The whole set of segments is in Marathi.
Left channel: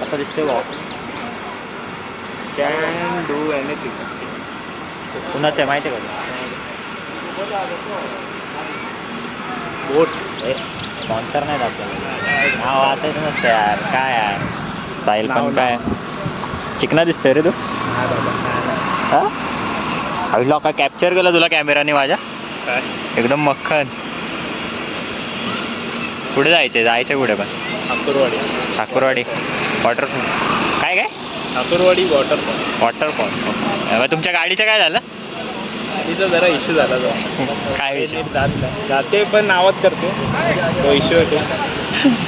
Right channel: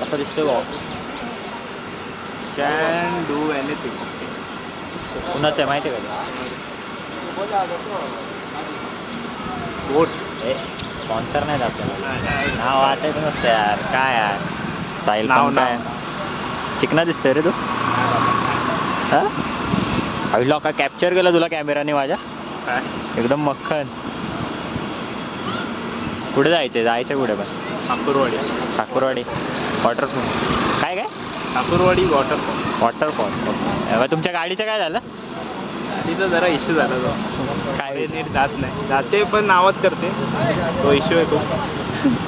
असं दिसतंय बा. Can do anything. कुणाचं आहे माहिती आहे का? बोट. स्पॉन्सर नाहीत आपल्याला. नाव वाचायचं नसतं यार. काय यार साहिल पण काय चिकना दिसतंय रे तू. हा अहिला का कॅप्चर केलं तुला कॅमेराने माझ्या. एकदम मक्खन. कुठे जायचं कुठे पण. ठाकूरवाडी वॉटरफॉल. काय ठाकूरवाडी वॉटरफॉल. वॉटरफॉल. तुमच्या गाडीचं काय झालं? गाडीचा जरा इश्यू झाला तो. काय जात नाही. जाते पण नावच करते. तो इश्यू आहे तो.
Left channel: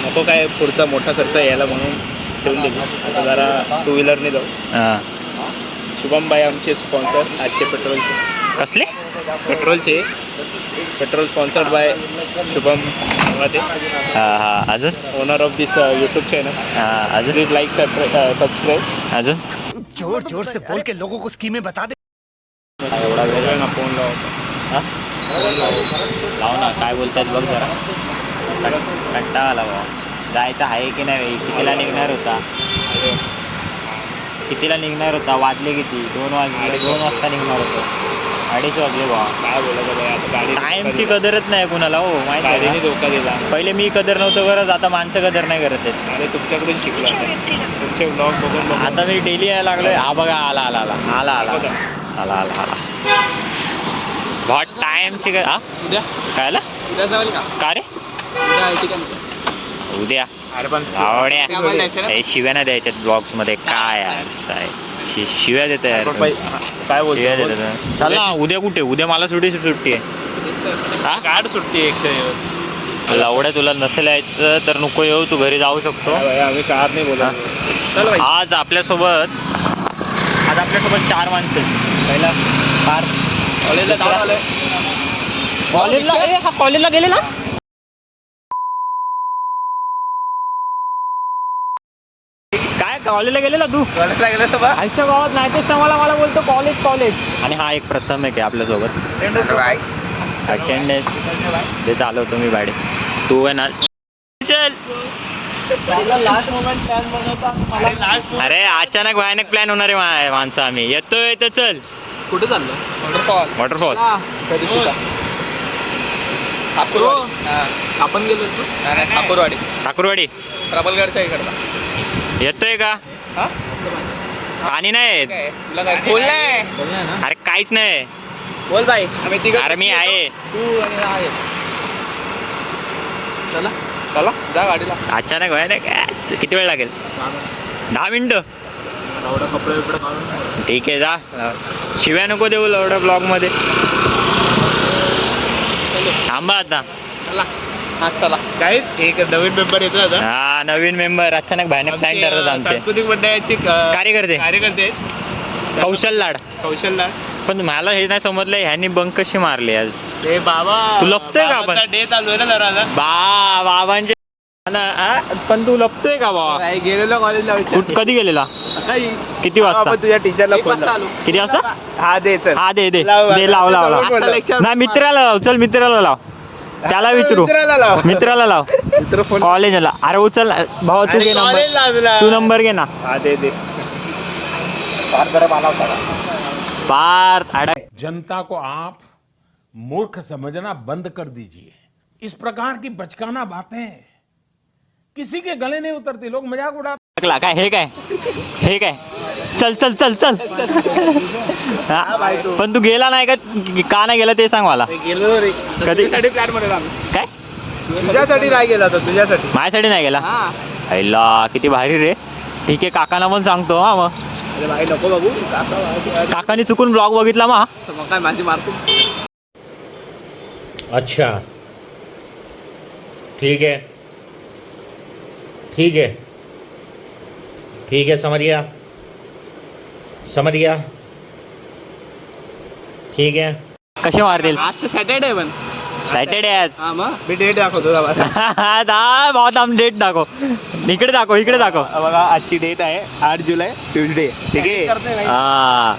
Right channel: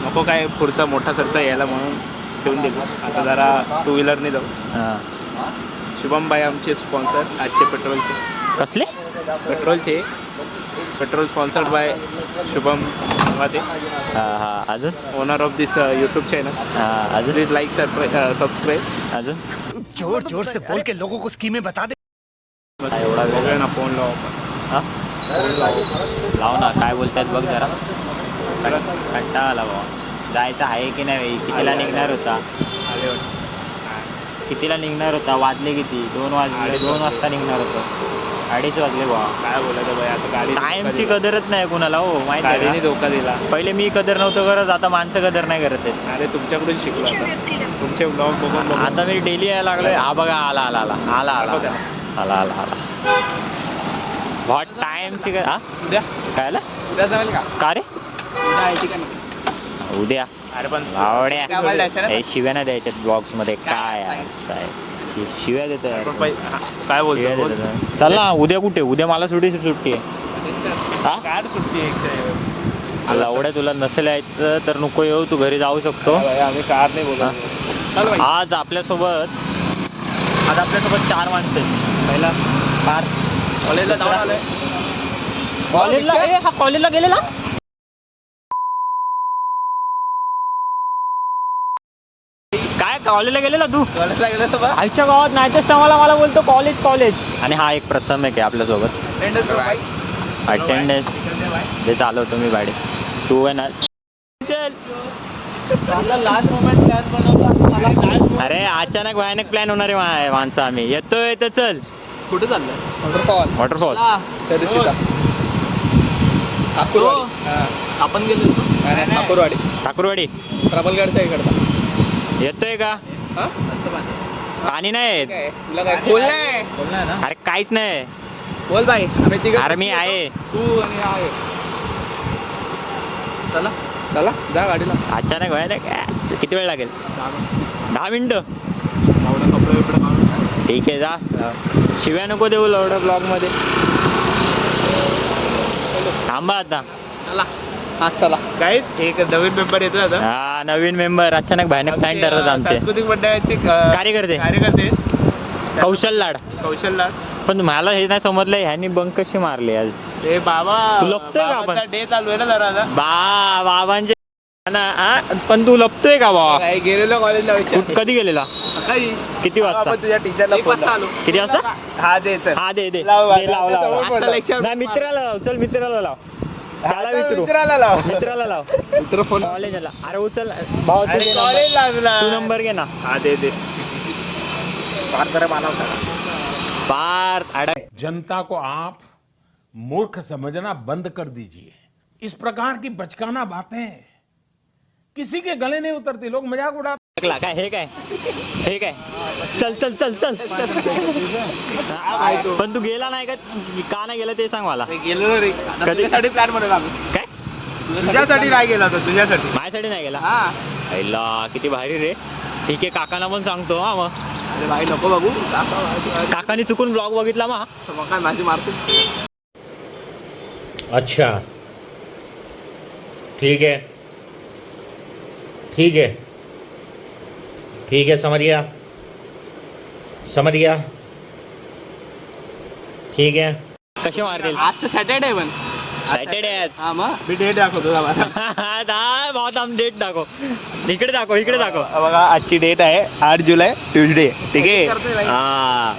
नको काय पुढचा मोठा खर्च यायला म्हणून ठेवून दिली. आता जरा टू व्हीलरने जाऊ. हां. शुभम भाई आमचे स्पॉन्सर आजचे पेट्रोलचे. कसले? पेट्रोल स्पॉन्सर्ड बाय शुभम माते. हां. अजून owner of this YouTube channel. हां. अजून प्लीज लाईक सबस्क्राईब. अजून जोर से बोल के लोगों को स्कीमें बता दे. एवढा वेळ ना फोन लाव आपण. हां लाव ना. काय बोलतात बघ जरा. कंटाळा आला बाबा. जायचं आहे की नाही? कितीला निघणार होता? वाजले किती? 2 वाजले. 2 वाजता निघणार होतो. 2:30 वाजले बाबा. काय बोलायचं बाई आता. गाडी टाइमची कदरच नाही कुणाला हो. माहिती आहे गाडीने का? धोका दिला. पहिले मी कदर नव्हतं करत. आता माणसं कदर नाही करत आहेत. अरे तुमच्याकडून शिकलो आता. तुमचे ब्लॉग बघून आता मी डेली यायला लागलोय. हा बघा आला बहुत टाइमची हा उद्या काय जाईल का रे? उद्या अरे पण लावड्या शिव्या नाही द्यायच्यात ब्लॉग्स मध्ये. काय यार साहेब शिव्या देत यार. काय शिव्या बोलतो? देत. चल ना उद्या कुठे? उद्या मला सुट्टी आहे. हा काढ सुट्टी एक. लावड्या तुला नसेल यायचं तर नको येऊ. तू घरी जाऊ शकतो. आम्ही कार नाही बोलत. आज आपल्यासोबत 4 माणसं आहेत. पहिला पार कॉलेजला जाऊन आलोय. कॉलेजला गेलेला. काय कॉलेजला गेलेला तू? कॉलेजला गेलो तर बा. आजच्या गावात नाहीतच मला बोलतो कॉलेज. आणि हा एक प्रथम आहे आपल्यासोबत अटेंडन्स ते चालवतो मी गाडी. तू आहे ना. चल. लास्ट मोमेंट प्लॅन बनवला. अरे अचानक भयानक प्लॅन होणारे माणसं. आम्ही येतोय तर चल. कुठे चाललो? वॉटरफॉल. त्या दिवशीचा आपण गेलो होतो. ठाकूरवाडी. प्रबलगडच्या इकडचा. येतोय का? पाणी नाही. तुला काय खोल नाही ना? अरे काहीच नाही. बोल बाई. अरे मी आहे. तू आहे. चला जा गाडीला. अचानक भयानक. किती वेळ लागेल? 10 मिनिटं. कपडे बिपडे. ठीक आहे जा. शिव्या नको देऊ एवढ्या ब्लॉग मध्ये. थांबा आता. चला काय एक नवीन मेंबर येतो आता. हा नवीन मेंबर. अचानक भयानक प्लॅन ठरतात आमचे. सांस्कृतिक मंडळाचे कार्यकर्ते कौशल लाड. पण मला हे नाही समजलं ह्यांनी बंक कशी मारली आज. ए बाबा तू लपतोय का? आपण डे चालू आहे ना जरा. बाबांचे पण तू लपतोय का बाबा? गेलेलो कॉलेजला. कधी गेलेला? किती वाजता? तुझ्या टीचरला किती वाजता? हा दे तर. हा दे लाव. नाही मित्राला लाव. चल मित्राला लाव. त्याला विचारू. मित्राला लाव. मित्र फोन कॉलेजला. अरे उचल भाऊ. तू घे नंबर. तू नंबर घे ना. हा दे बरं मला होता. पार अडा. जनता को आप मूर्ख समझना बंद कर दीजिए. इस प्रकार की बचकाना बातें किसी के गले नहीं उतरती. लोग मजाक उड़ाते. काय हे काय चल. पण तू गेला नाही का नाही गेला ते सांग मला. गेलो रे. तुझ्यासाठी प्लॅन बनवला आम्ही. काय? तुझ्यासाठी नाही गेलो होतो. तुझ्यासाठी. माझ्यासाठी नाही गेला. आईला किती भारी रे. ठीक आहे काकांना पण सांगतो. हा मग अरे भाई नको बघू. काकांनी चुकून ब्लॉग बघितला मग काय माझी मारतो. अच्छा ठीक है. ठीक है समझ गया ठीक आहे. कसे मारतील आज तर सॅटर्डे पण सॅटर्डे आज. हा मग मी डेट दाखवतो का बघा. बहुत आम डेट दाखव. इकडे दाखव. बघा आजची डेट आहे 8 जुलै ट्युजडे. ठीक आहे. हा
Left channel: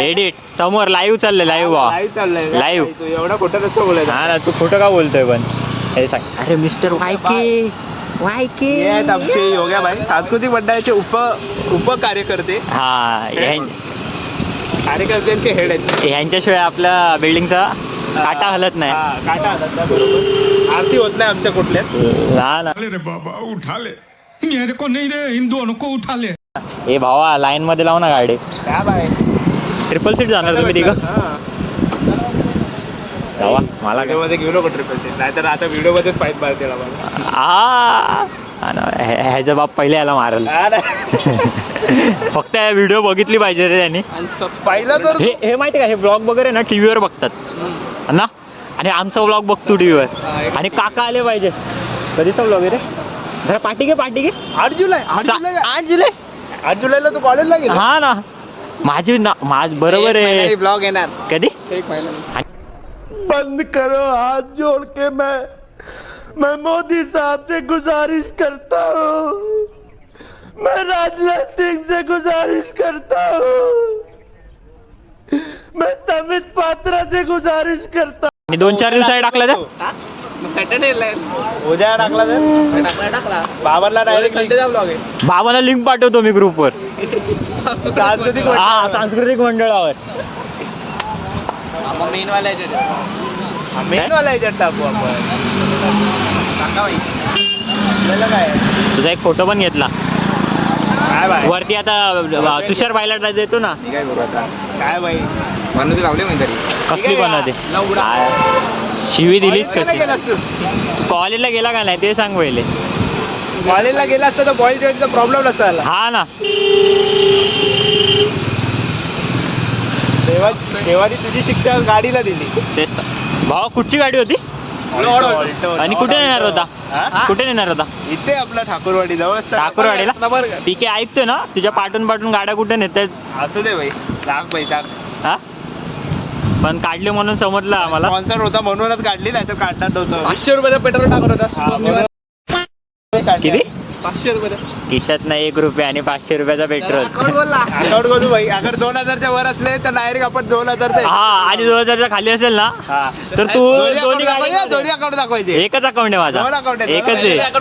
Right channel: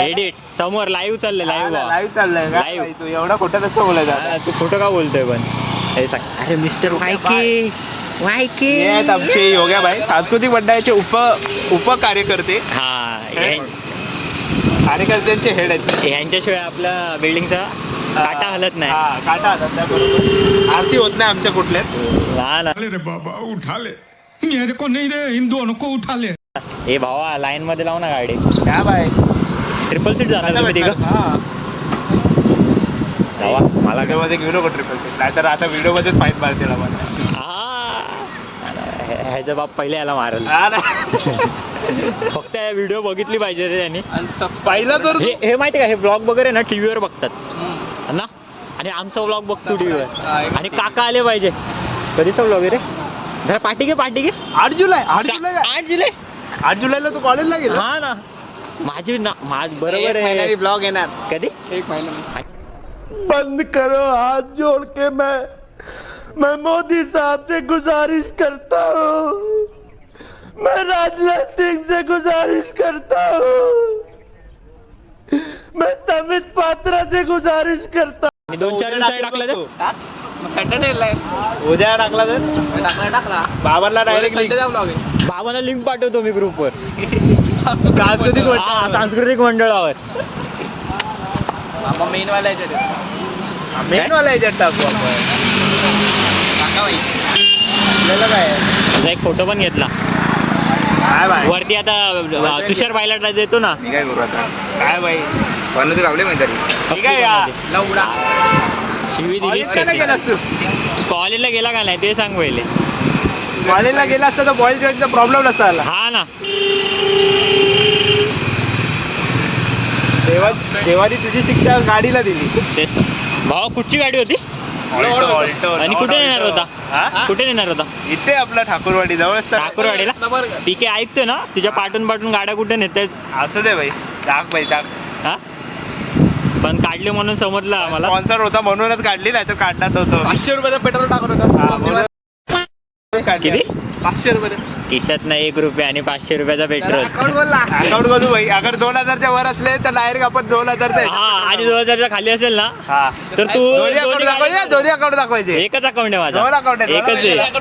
एडिट समोर लाईव्ह चाललंय लाईव्ह चाललंय Live. तू एवढा कुठं कसं बोलायचं. हा तू खोटं का बोलतोय पण हे सांग. अरे मिस्टर वायके हे आहेत आमचे योग्याबाई सांस्कृतिक मंडळाचे उपकार्यकर्ते. हा कार्यकर्त्यांचे हेड आहेत. ह्यांच्याशिवाय आपल्या बिल्डिंगचा काटा हलत नाही. हा काटा हातात त्या बरोबर आरती होत नाही आमच्या कुठल्या. लहान रे बाबा उठा ले मेरे को नहीं रे इन दोनों को उठा ले. हे भावा लाईन मध्ये लाव ना गाडी. काय बाय ट्रिपल सीट जाणार तुम्ही तिघं. जावा मला काय मध्ये घेऊ नको ट्रिपल सीट नाहीतर आता व्हिडिओ मध्ये फाईट मारते ह्याचा बाप पहिले याला मारल. फक्त व्हिडिओ बघितली पाहिजे रे त्यांनी. पाहिलं तर हे माहिती का हे ब्लॉग वगैरे ना टीव्हीवर बघतात ना आणि आमचा ब्लॉग बघतो टीव्हीवर. आणि काका आले पाहिजे. कधीचा ब्लॉग आहे रे. जरा पाठी घे 8 जुलै 8 जुलै 8 जुलैला तू कॉलेजला गेला. हा ना माझ बरोबर आहे. ब्लॉग येणार कधी 1 महिना. बंद करो हाथ जोड़ के मैं मोदी साहब से गुजारिश करता हूँ. मैं राजनाथ सिंह से गुजारिश करता हूँ. मैं समित पात्रा से गुजारिश करता हूँ. 2-4 दिवसांनी टाकलं तर सॅटर्डे उद्या टाकला टाकला बाबांना डायरेक्ट संडेचा ब्लॉग आहे. बाबाला लिंक पाठवतो मी ग्रुपवर. सांस्कृतिक मंडळावर बाबा मेनवाला याच्यात टाकू आपण. तुझा एक फोटो पण घेतला काय बाय वरती. आता तुषार बायला देतो ना. मी काय करू आता. काय बाई बनवते लावले म्हणजे कसली बनवते. शिवी दिलीच कशी. तू कॉलेजला गेला का नाही ते सांग पहिले. कॉलेजला गेला असता तर बॉईल जॉईनचा प्रॉब्लेम नसता आला. हा ना देवानी तुझी शिक्षा गाडीला दिली. तेच भावा कुठची गाडी होती आणि कुठे नेणार होता. कुठे नेणार होता. इथे आपला ठाकूरवाडी जवळ ठाकूरवाडीला. पीके ऐकतो ना तुझ्या पाठून गाड्या कुठे नेतात. असू दे भाई टाक हा पण काढले म्हणून समजलं आम्हाला. स्पॉन्सर होता म्हणूनच काढली नाही तर काढणार नव्हतं. 500 रुपये पेट्रोल टाकत होता. किती 500 रुपये खिशात ना 1 रुपया आणि 500 रुपयाचा पेट्रोल. अकाउंट बोलू भाई. अगर 2000च्या वर असले तर डायरेक्ट आपण 2000 हा आणि 2000च्या खाली असेल ना तर तू दोन्ही अकाउंट दाखवायचे. एकच अकाउंट आहे माझा. 2 अकाउंट आहे. एकच आहे.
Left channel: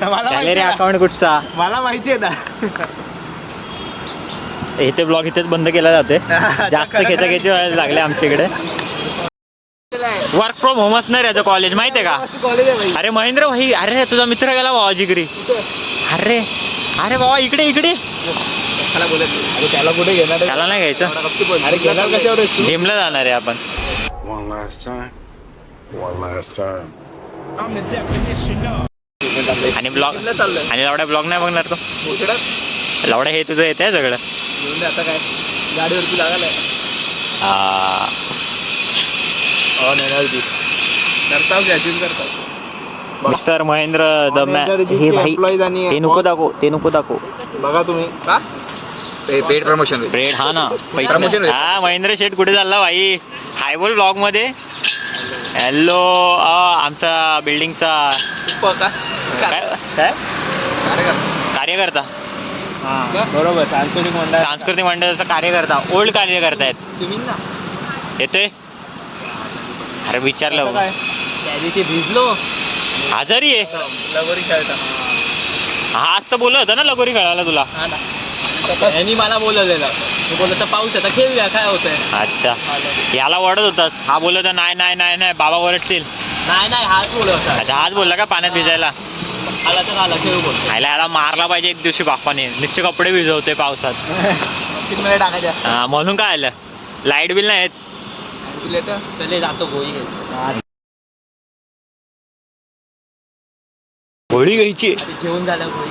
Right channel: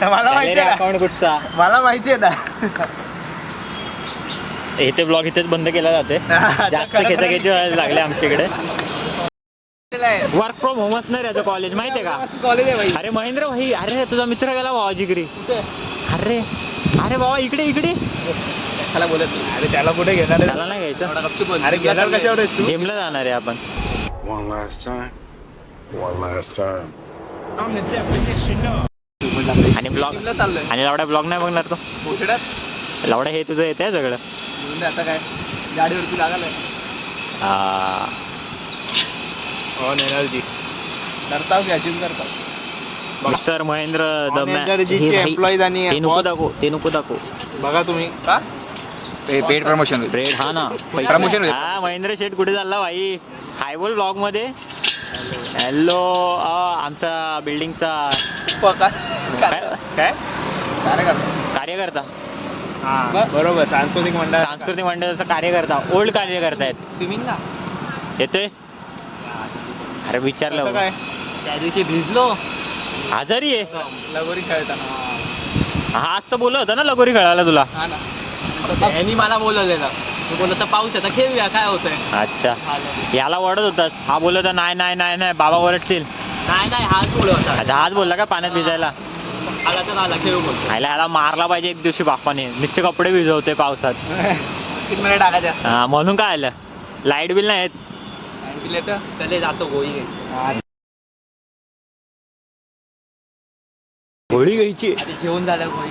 मला माहिती आहे अकाउंट कुठचा. मला माहिती आहे ना. इथे ब्लॉग इथेच बंद केला जातोय. जास्त खेचाखेची व्हायला लागले आमच्या इकडे. वर्क फ्रॉम होम असणार याचं कॉलेज माहितीये का. कॉलेज आहे भाई. अरे महेंद्र भाई अरे तुझा मित्र गेला भावा जिगरी. अरे बाबा इकडे त्याला बोलत अरे त्याला कुठे घेणार. त्याला नाही घ्यायचं. अरे घेणार कशावर जिमला जाणार आहे आपण. One last time. आणि ब्लॉग आणि लावडा ब्लॉग नाही बघणार तो. लावडा हे तुझं येत आहे सगळं. आता काय गाडीवरती लागल आहे. मिस्टर महेंद्र ते नको दाखव बघा तुम्ही पेड प्रमोशन ब्रेड. हा ना पैसे. हा महेंद्र शेठ कुठे चालला भाई. हाय बोल ब्लॉग मध्ये. हॅलो आमचा बिल्डिंगचा काय कार्यकर्ता. हा बरोबर सांस्कृतिक मंडळाचा कार्यकर्ता. ओल्ड कार्यकर्ता आहेत. येतोय. अरे विचारलं त्या दिवशी भिजलो. आजारी आहे. लगोरी खेळता. हा आज तर बोलत होता ना लगोरी खेळायला तुला. यांनी मला बोलवलेलं. मी बोलत होता पाऊस आता खेळूया काय होतंय. अच्छा याला वडत होतास. हा बोलत होता नाही बाबा वरडतील. नाही हाच बोलत होता. अच्छा हाच बोलला का पाण्यात भिजायला. आला तर आला खेळू बोलतो. याला मारला पाहिजे एक दिवशी बापाने. नुसते कपडे भिजवते पावसात. टाकायच्या म्हणून काय आलं. लाईट बिल नाही येत. चले जातो गोळी घ्यायची. गोळी घ्यायची. जेवण झालं गोळी.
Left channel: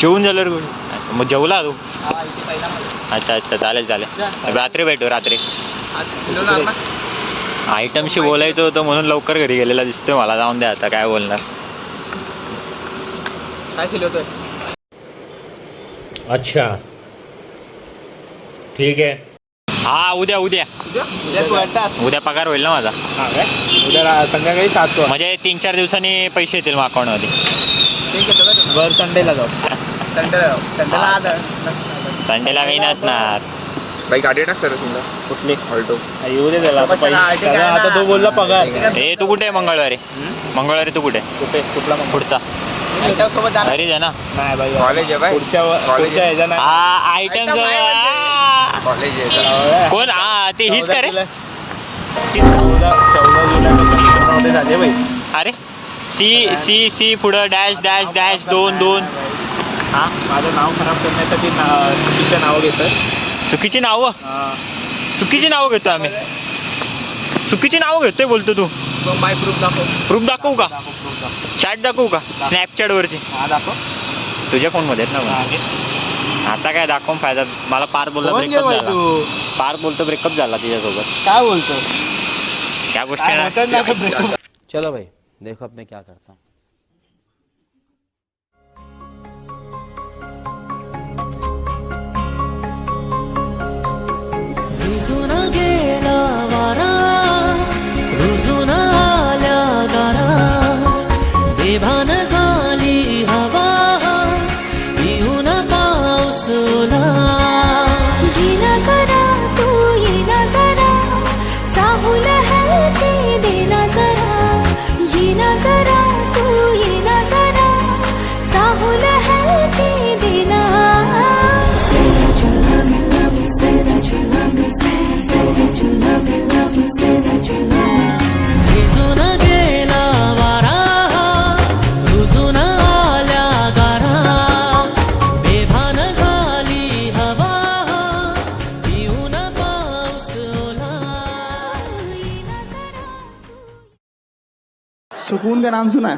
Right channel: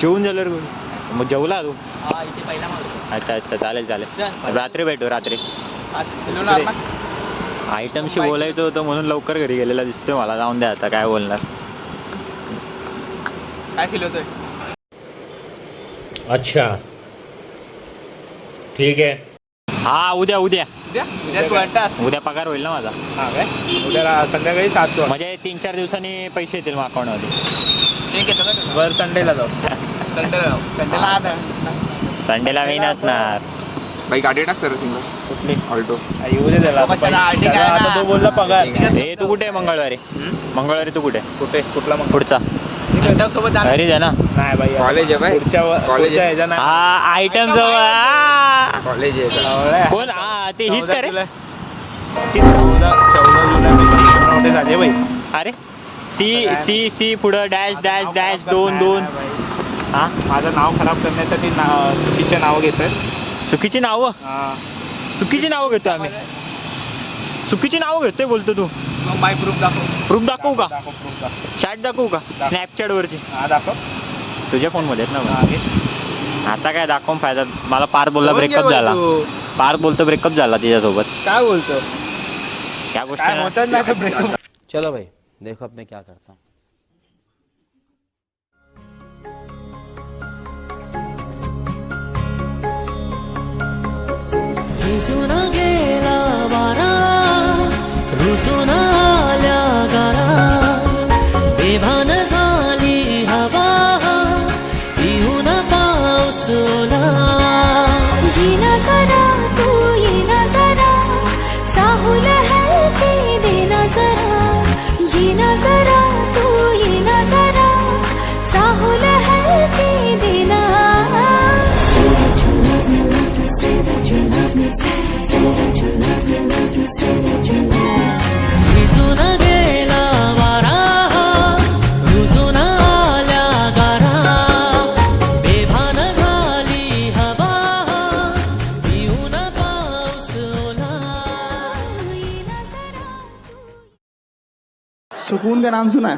जेवून झाल्यावर गोळी. मग जेवला तू. इथे पहिला माझा. अच्छा चालेल रात्री भेटू. रात्री आयटमशी बोलायचं होतं म्हणून लवकर घरी गेलेला दिसतोय मला. जाऊन द्या आता, काय बोलणार. काय फील होतोय? अच्छा ठीक आहे. हा उद्या उद्या उद्या तू अड्डास. उद्या पगार होईल ना माझा. उद्या संध्याकाळी 7 म्हणजे 3-4 दिवसांनी पैसे येतील मग अकाउंटमध्ये. ठीक आहे तुला. वर संडेला जाऊ. संडेला आज संडेला मी नसणार. बाई गाडी टाक सर समजा. कुठली? ऑल्टो येऊ दे त्याला. आता तो बोलला पगार. ए तू कुठे आहे मंगळवारी? मंगळवारी तू कुठे? कुठे कुठला मग पुढचा सोबत जाणार. घरी जा ना. नाही बाई कॉलेज आहे बाई. पुढच्या ह्याचा नाही. हा आयटम कॉलेज आहे. कोण? हा ते हीच का रे? 14 झाले बाई. अरे सी सी सी पुढं डॅश डॅश डॅश 2-2. हा माझं नाव खराब करण्यासाठी चुकीचं नाव घेतोय. चुकीची नावं? चुकीची नावं घेतोय आम्ही. चुकीची नावं घेतोय बोलतो तू. बाय प्रूफ दाखव. प्रूफ दाखवू का? चॅट दाखवू का? स्नॅपचॅट वरची हा दाखव. तुझ्या फोन मध्ये आहेत ना मग? आता काय दाखवून फायदा. मला पार बोलला ब्रेकअप झाला. पार बोलतो ब्रेकअप झाला तिच्यासोबत. काय बोलतो? त्या काय होतं ना गोष्टी ब्रेकअप. चलो भाई देखो अब मैं क्या करता हूँ. रुजून गेला वारा, रुजून आल्या गारा, बेभान झाली हवा, पिऊन पाऊस ओला. येना जरा तू येना जरा, चाहूल हलके देना जरा. येना जरा तू येना जरा, चाहूल हलके देना. भिजून गेला वारा, रुजून आल्या गारा, बेभान झाली हवा, पिऊन पाऊस ओला. सुकून का नाम सुना है?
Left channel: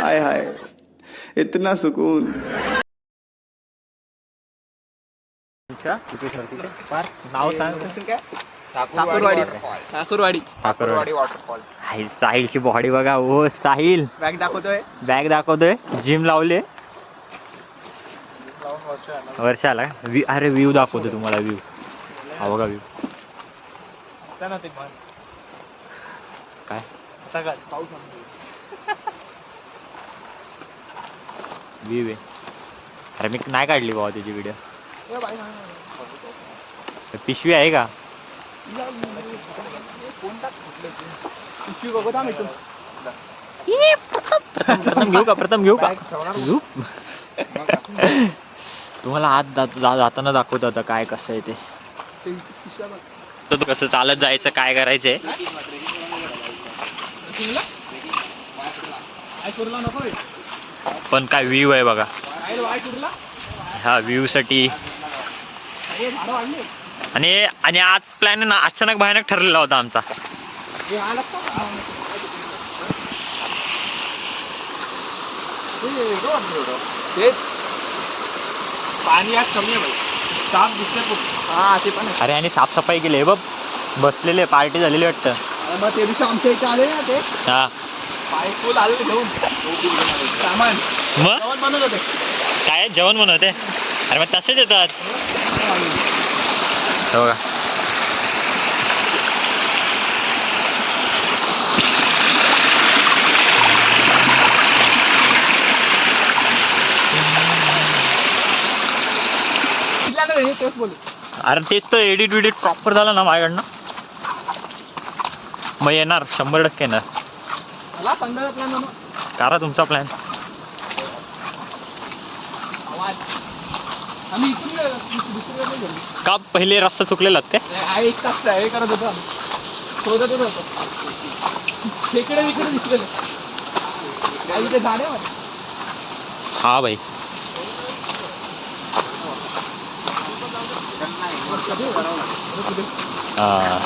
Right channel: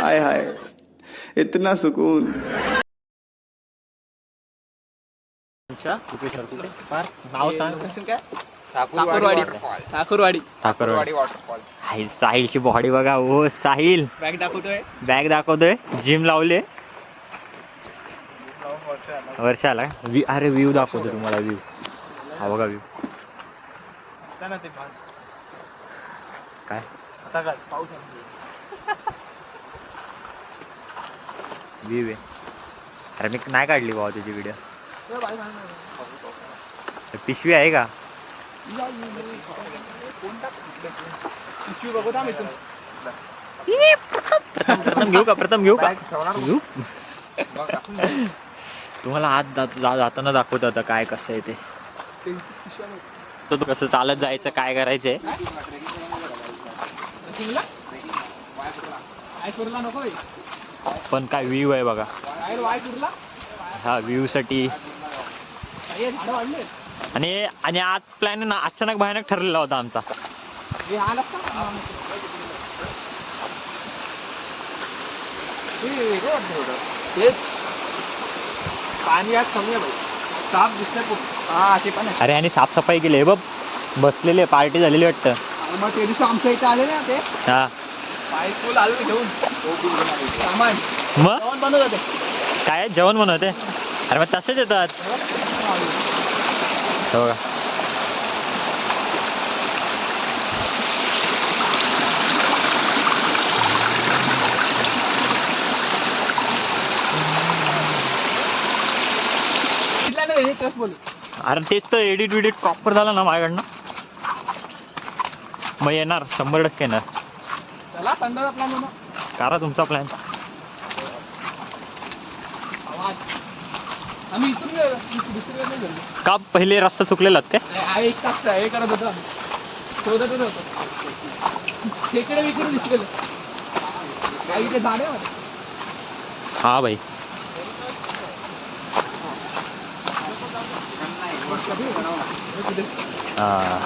हाय हाय इतना सुकून. नाव सांग. काय? ठाकूरवाडी. ठाकूरवाडी. ठाकरवाडी वॉटरफॉल. साहिलची बॉडी बघा. ओ साहिल बॅग दाखवतोय. बॅग दाखवतोय. जिम लावले. वर्षाला अरे व्ह्यू दाखवतो तुम्हाला. व्ह्यू हा बघा. व्ह्यू काय व्ह्यू आहे. अरे मी नाही काढली बाबा त्याची व्हिडिओ. पिशवी आहे का? प्रथम घेऊ का? प्रथम घेऊ का? घेऊ. तुम्हाला आज जाताना दाखवत आता काय कसं आहे ते. कसं चालत जायचं, काय करायचंय. पण काय व्ह्यू आहे बघा. ह्या व्ह्यू साठी आणि आज प्लॅन ना अचानक भयानक ठरलेला होता आमचा. पाणी आज कमी आहे बाई. साफ दिसतंय खूप. हा ते पण आहे. अरे आणि साफसफाई केली बघ. बसलेले पार्टी झालेली वाटतं. मग ते दिवशी आमच्या इथे आले ना ते हा पाईप फुल आले घेऊन सामान. मग जेवण बनवत होते. काय जेवण बनवते? अरे मग तसेच येतात. हो का? अरे तेच तर एडिट विडिट प्रॉपर झालं ना माझ्याकडनं. मग येणार 100% येणार. चला संध्याचा प्लॅन बनव. करा तुमचा प्लॅन. आम्ही इथून दुसरीकडे नाही गेलो. का पहिले रस्ता चुकलेला ते? एक तास हे करत होतो आम्ही. शोधतच होतो. खेकडे विकडे दिसलेलं. इथे झाडे आहे. हा भाई. हा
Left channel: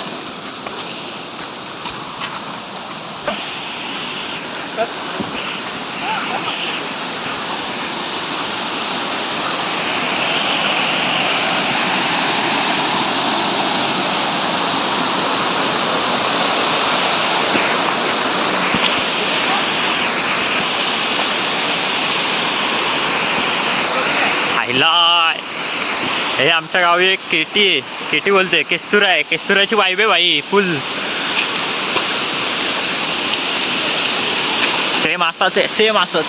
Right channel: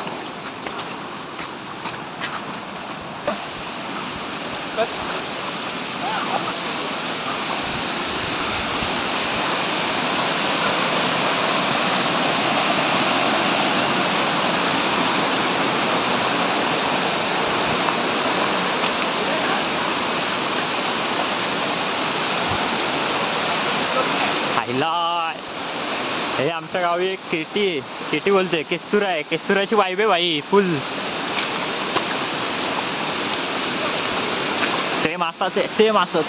हे आमच्या गावी एक केटी आहे, केटी बोलते, केस्तुरा आहे, केस्तुराची वाईब आहे भाई फुल. सेम असंच आहे, सेम असंच.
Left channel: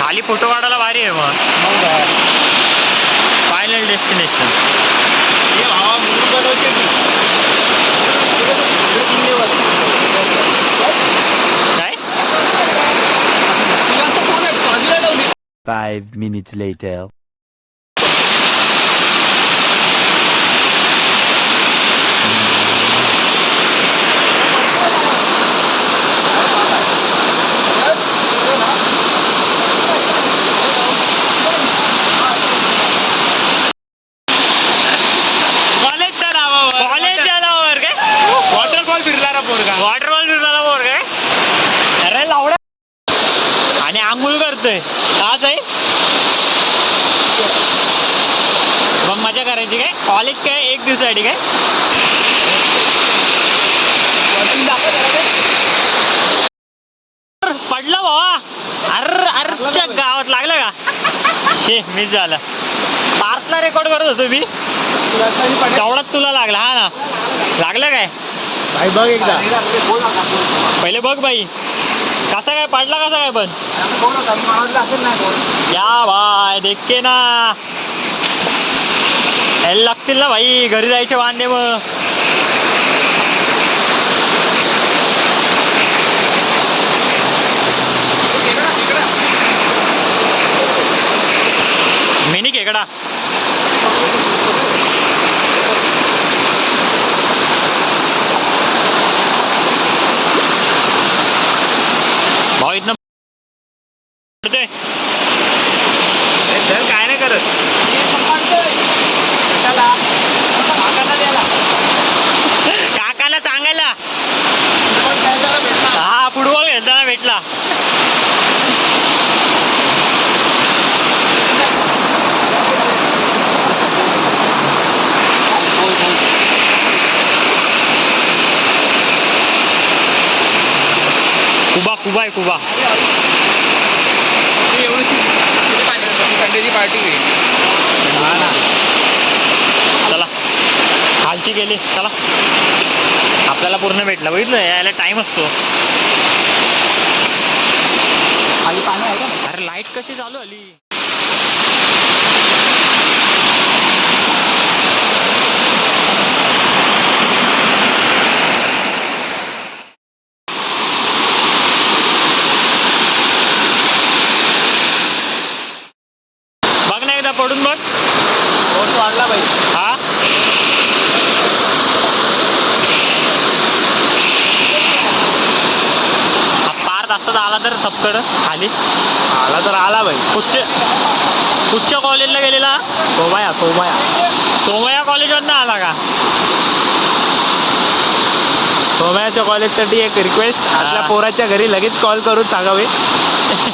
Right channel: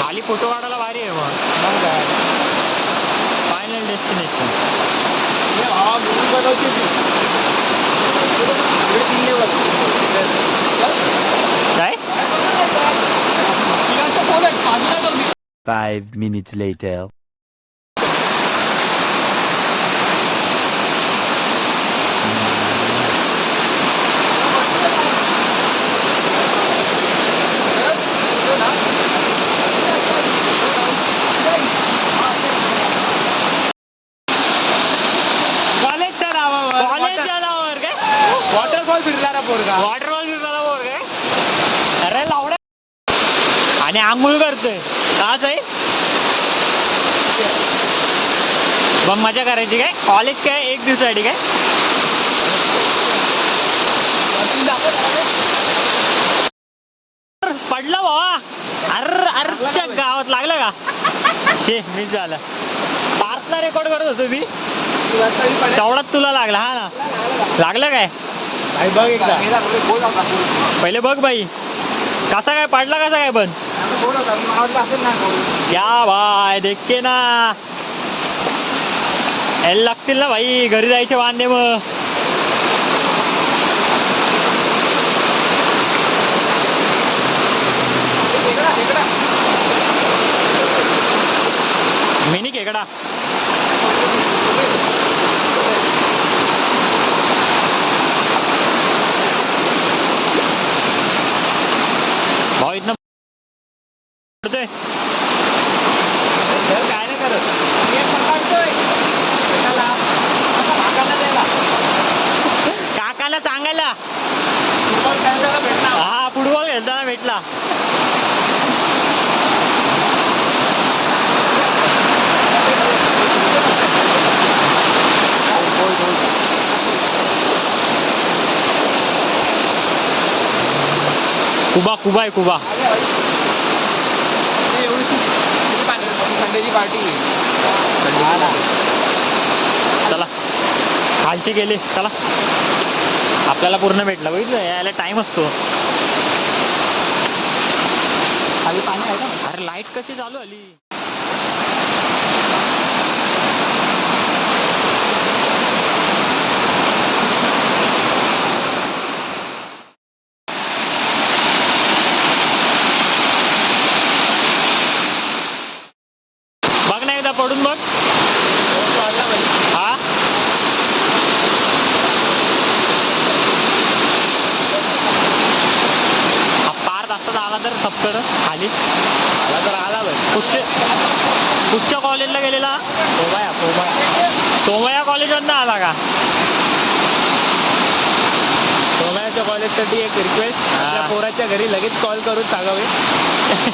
खाली फोटो काढायला भारी आहे मग. Final destination. काय 5 minutes later. कॉलेजच्या नावावर काय वॉटरफॉल फिरणारा पोरगा. वॉटरफॉल फिरणारा बोर काय. अरे लावडा आणि आंघोळ करतोय काच आहे. एकदम मजा करायची काय. कॉलेज काय एक दिवसासाठी काय. पडलं बाबा. अरच्या गावात लागलं का. शे मिस झालं. पार्थला रेकॉर्ड करत होतो मी तेवढाच तुला लागला. हा ना लागलं काय. बघ एकदा पहिले बघ बाई कसा काय पडला कसा काय. पण या भाई देखे ना यायला लागतील ना भाई घरी जायचे वांदे मग. मिनी खेकडा भाऊ इथनं काय नाही करत. काकाला सांगायला हा फुटबॉल खेळताना भेटला. कुबा कुबा आहे कुबा. चला खालची गेली. चला आपल्याला पूर्ण भेटला. बघितलं यायला टाइम असतो. खाली पाणी आहे का. अरे लाईट कशी चालू आली. बघ ना एकदा पडून बघ. हा पार्थ असता आला तर सबकड खाली तर आला भाई. कुठच्या कॉलेजला गेलेला. सोमया कॉलेजमधनं आला का. सोमयाच्या कॉलेजसाठी एक रिक्वेस्ट. आपल्या पोराच्या घरी लगेच कॉल करून सांगावे.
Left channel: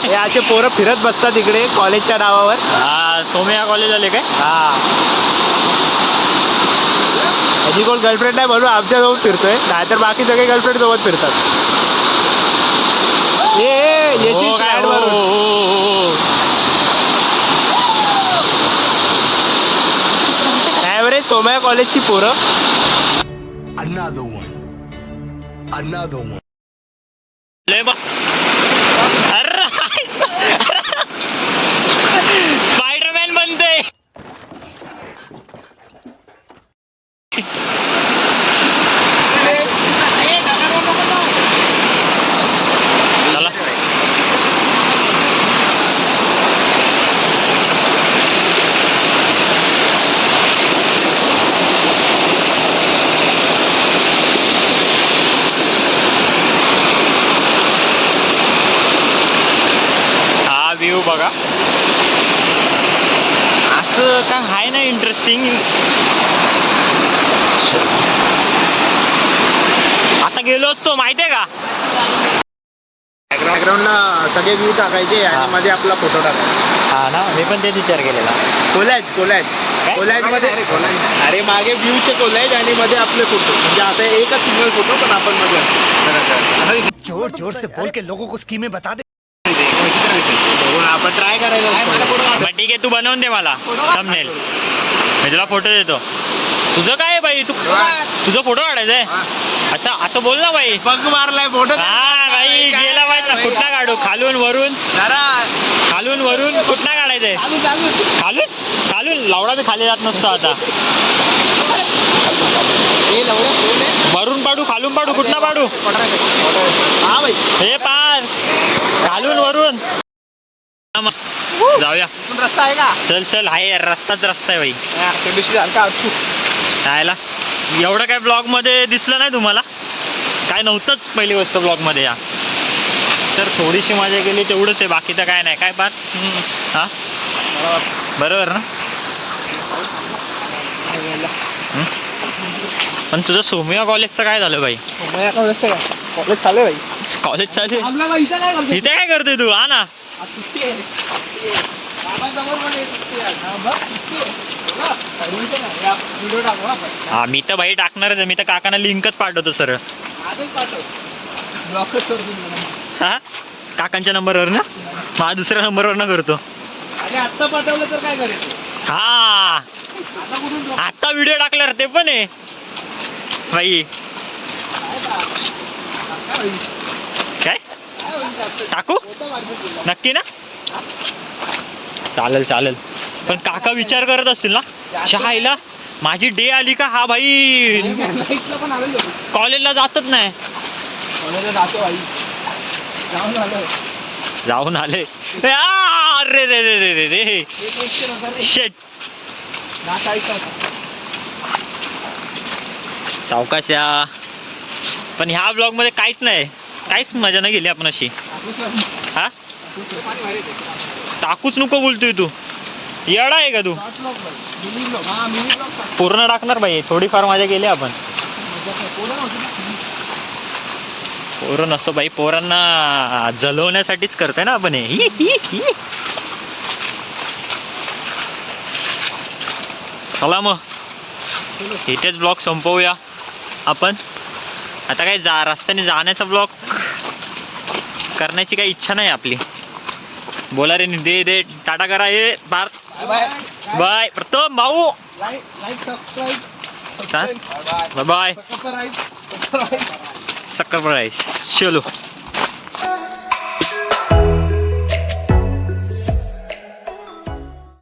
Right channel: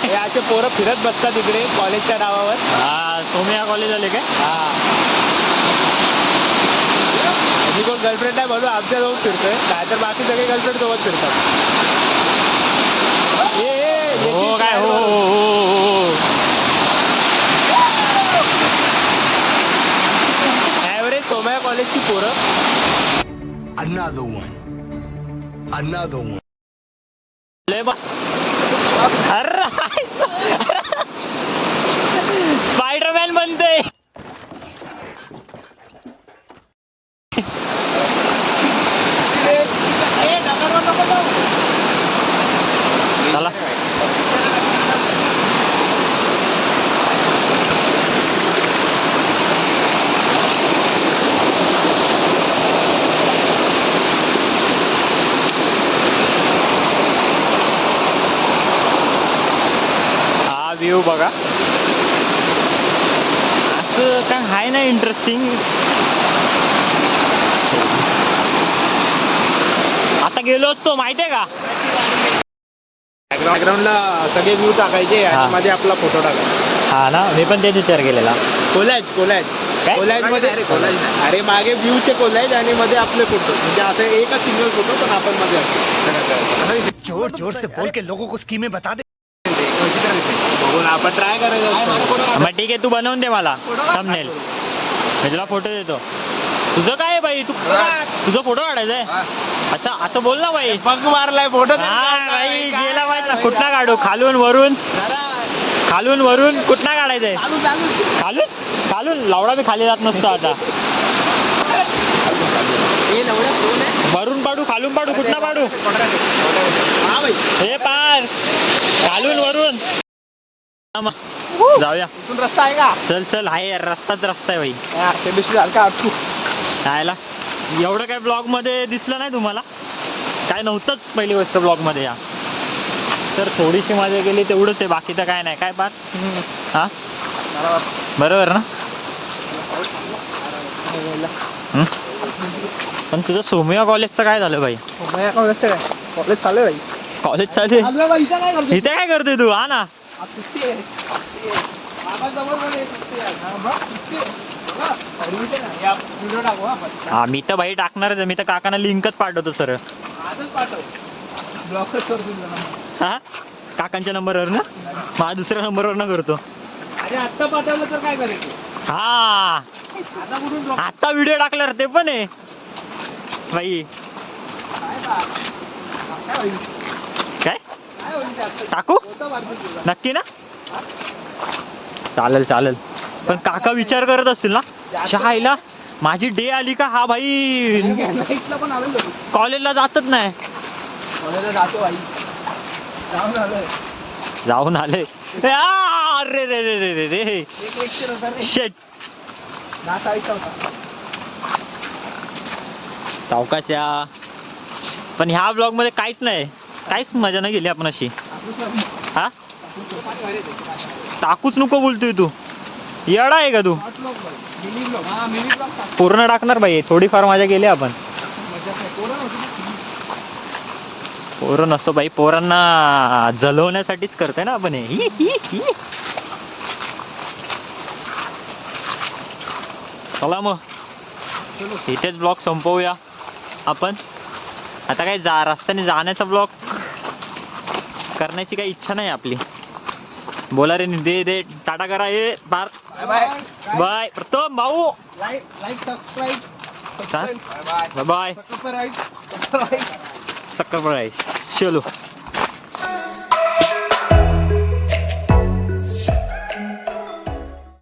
हे असे पोरं फिरत बसतात इकडे कॉलेजच्या नावावर. हा सोमया कॉलेज आले काय. माझी कोण गर्लफ्रेंड आहे म्हणून आमच्याजवळ फिरतोय. नाहीतर बाकी सगळे गर्लफ्रेंड सोबत फिरतात. ॲव्हरेज सोमया कॉलेजची पोरं. Another one. स्पायडरमॅन बनते. चला व्ह्यू बघा. असं काय आहे ना इंटरेस्टिंग. आता गेलो असतो माहितीये का. बॅकग्राऊंडला सगळे व्ह्यू टाकायचे आणि मध्ये आपला फोटो टाकायचा. हा ना मी पण तेच विचार केलेला. कोलॅज मध्ये अरे मागे व्ह्यूचे कोलॅज आणि मध्ये आपले फोटो म्हणजे आता एकच सिंगल फोटो पण आपण मध्ये जोर जोर से बोल के लोगों को स्कीमें बता दे. बघून आपण ट्राय करायचं. मग ठीक आहे तू बनवून दे मला थंबनेल मी तुला फोटो देतो. तुझं काय आहे बाई तुझं फोटो काढायचा आहे. अच्छा असं बोल ना बाई. बघ मारलाय फोटो. हा बाई गेला पाहिजे कुठला काढू खालून वरून कुठला काढायचंय खालून लावडाचं खाली जात नसतो आता. वरून पाडू खालून पाडू कुठला पाडू हे पार खालून वरून जाऊया. रस्ता आहे का? चल आहे रस्ता आहे बाई. राहायला एवढं काय ब्लॉग मध्ये दिसलं नाही तुम्हाला काय नव्हतंच पहिली गोष्ट ब्लॉग मध्ये या तर थोडीशी मजा केली तेवढंच आहे बाकी तर काय नाही काय पार. हा बरोबर ना. पण तुझं सोमिया कॉलेजचं काय झालं बाई. कॉलेज चालू आहे कॉलेज चालू आहे इथे काय करतोय तू. हा ना हा मी तर बाई टाकणारच आहे. मी तर काकांना लिंकच पाठवतो सरळ. हा काकांच्या नंबरवर ना माझ्या दुसऱ्या नंबरवर ना करतो. आता पाठवलं तर काय करायचं. हा आता व्हिडिओ टाकल्यावर ते पण आहे बाई. काय टाकू नक्की ना. चालेल पण काका विचार करत असतील ना शहाईला माझी डे आली का हा भाई कॉलेजला जातच नाही. कॉलेजला जातो भाई जाऊन आले. अरे रे रे रे रे रे शेट सावकाश या. पण ह्या ब्लॉग मध्ये काहीच मजा नाही गेली आपण अशी. हा टाकूच नको बोलतोय तू येडा आहे का तू. पूर्ण टाकणार बाई थोडीफार मजा केली आपण. पोरं नसतो बाई पोरांना जलवण्यासाठीच करतोय ना आपण हे. चला मग इथेच ब्लॉग संपवूया आपण. आता काय रस्त्याने जाण्याचा ब्लॉग करण्याची काही इच्छा नाही आपली. बोला रे दे टाटा करा. हे बाय बाय प्रथम भाऊ बाय बाय. सक्कर चलो.